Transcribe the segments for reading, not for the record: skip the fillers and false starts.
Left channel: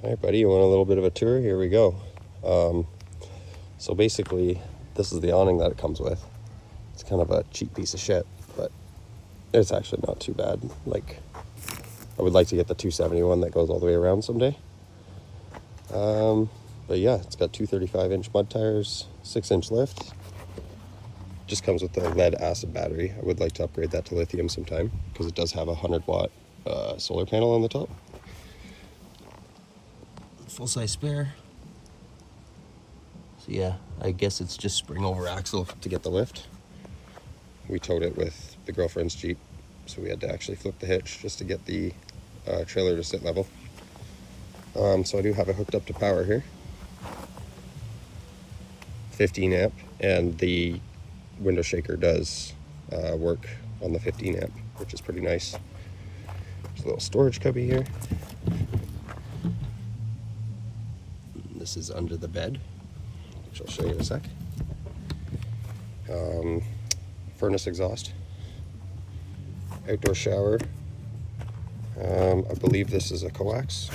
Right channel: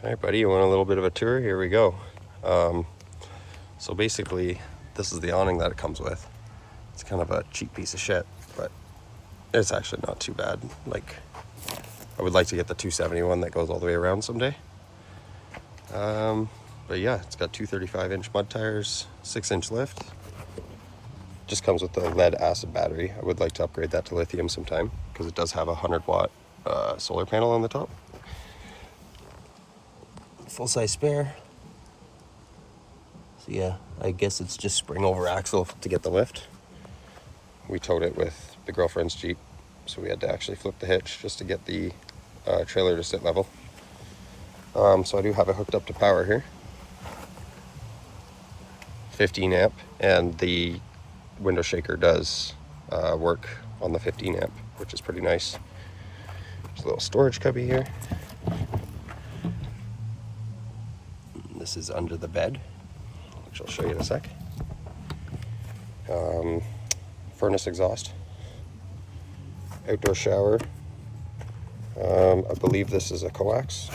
All right, buddy, you want a little bit of a tour? Here we go. So basically, this is the awning that it comes with. It's kind of a cheap piece of shit, but it's actually not too bad. Like, I would like to get the 271 that goes all the way around someday. But yeah, it's got two 35-inch mud tires, 6-inch lift. Just comes with the lead acid battery. I would like to upgrade that to lithium sometime because it does have a 100-watt solar panel on the top. Full-size spare. So yeah, I guess it's just spring over axle to get the lift. We towed it with the girlfriend's Jeep, so we had to actually flip the hitch just to get the trailer to sit level. So I do have it hooked up to power here. 15 amp, and the window shaker does work on the 15 amp, which is pretty nice. There's a little storage cubby here. This is under the bed, which I'll show you in a sec. Furnace exhaust, outdoor shower. I believe this is a coax,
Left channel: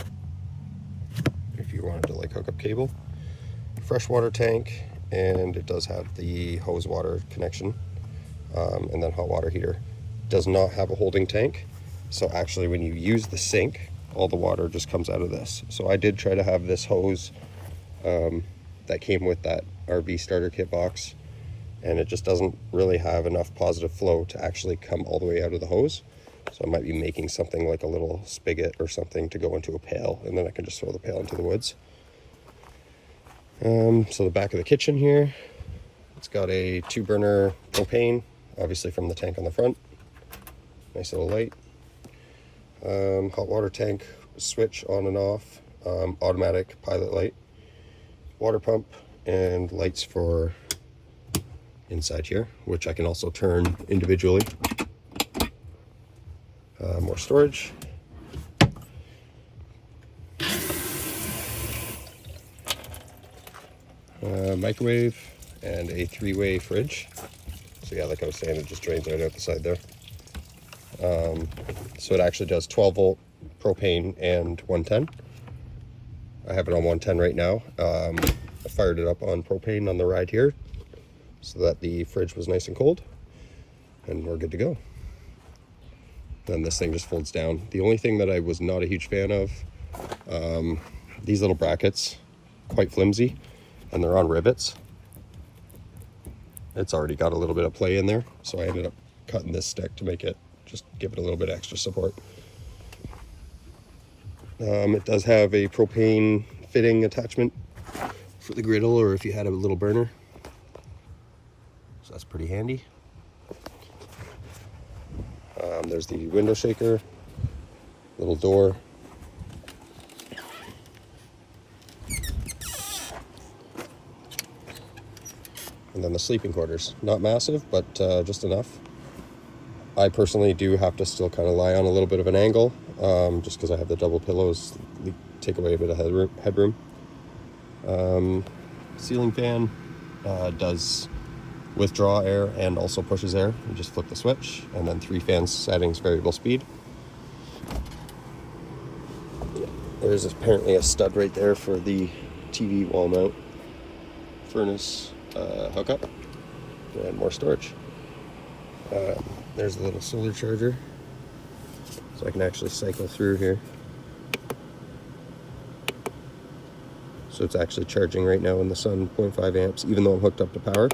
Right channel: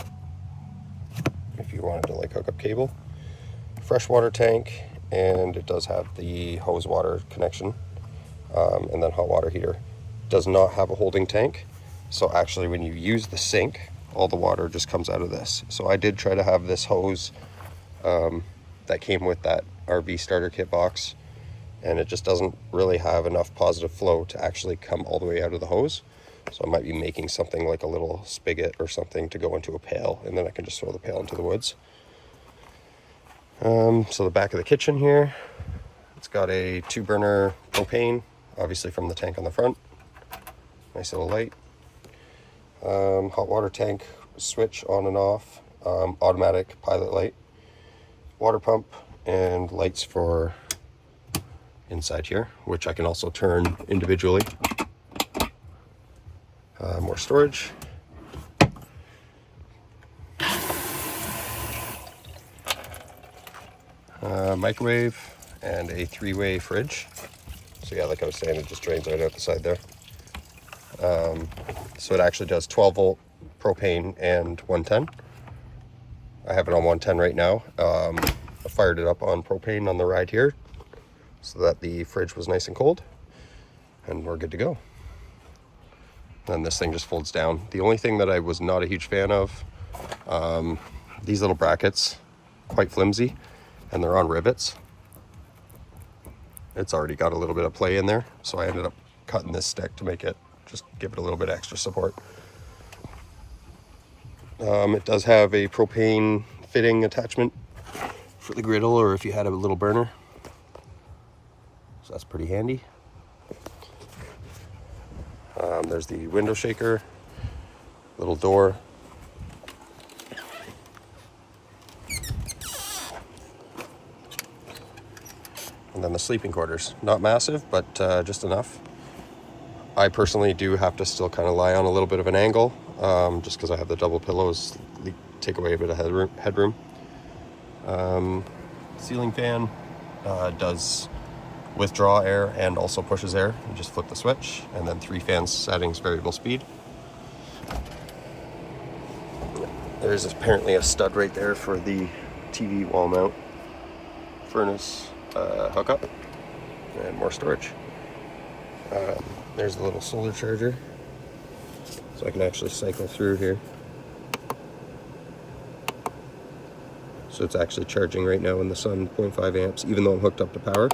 if you wanted to like hook up cable. Freshwater tank, and it does have the hose water connection, and then hot water heater. Does not have a holding tank, so actually when you use the sink, all the water just comes out of this. So I did try to have this hose that came with that RV starter kit box, and it just doesn't really have enough positive flow to actually come all the way out of the hose. So I might be making something like a little spigot or something to go into a pail, and then I can just throw the pail into the woods. So the back of the kitchen here, it's got a 2-burner propane, obviously from the tank on the front. Nice little light. Hot water tank switch on and off, automatic pilot light, water pump, and lights for inside here, which I can also turn individually. More storage. Microwave and a 3-way fridge. So yeah, like I was saying, it just drains right out the side there. So it actually does 12-volt propane and 110. I have it on 110 right now. I fired it up on propane on the ride here so that the fridge was nice and cold, and we're good to go. And this thing just folds down. The only thing that I was not a huge fan of, these little brackets, quite flimsy, and they're on rivets. It's already got a little bit of play in there, so I ended up cutting this stick to make it, just give it a little bit extra support. It does have a propane fitting attachment for the griddle, or if you had a little burner. So that's pretty handy. There's the window shaker, little door. And then the sleeping quarters. Not massive, but just enough. I personally do have to still kind of lie on a little bit of an angle, just because I have the double pillows, take away a bit of headroom. Ceiling fan does withdraw air and also pushes air. You just flip the switch, and then 3 fan settings, variable speed. There's apparently a stud right there for the TV wall mount. Furnace hookup, and more storage. There's a little solar charger, so I can actually cycle through here. So it's actually charging right now in the sun, 0.5 amps, even though I'm hooked up to power.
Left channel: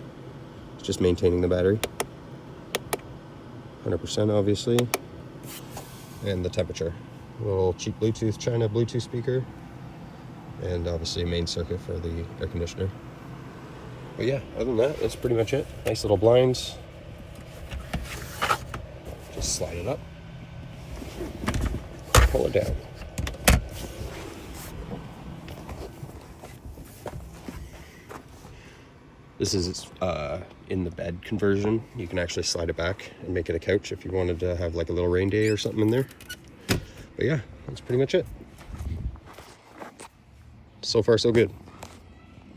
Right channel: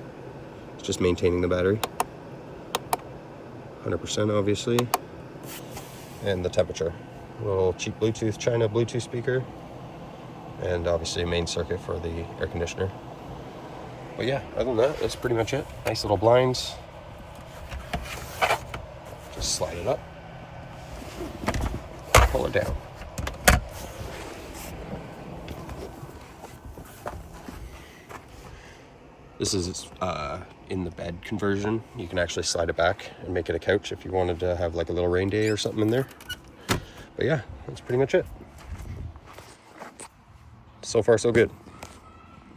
It's just maintaining the battery. 100% obviously. And the temperature. A little cheap Bluetooth, China Bluetooth speaker. And obviously a main circuit for the air conditioner. But yeah, other than that, it's pretty much it. Nice little blinds. Just slide it up. Pull it down. This is in the bed conversion. You can actually slide it back and make it a couch if you wanted to have like a little rain day or something in there. But yeah, that's pretty much it. So far, so good.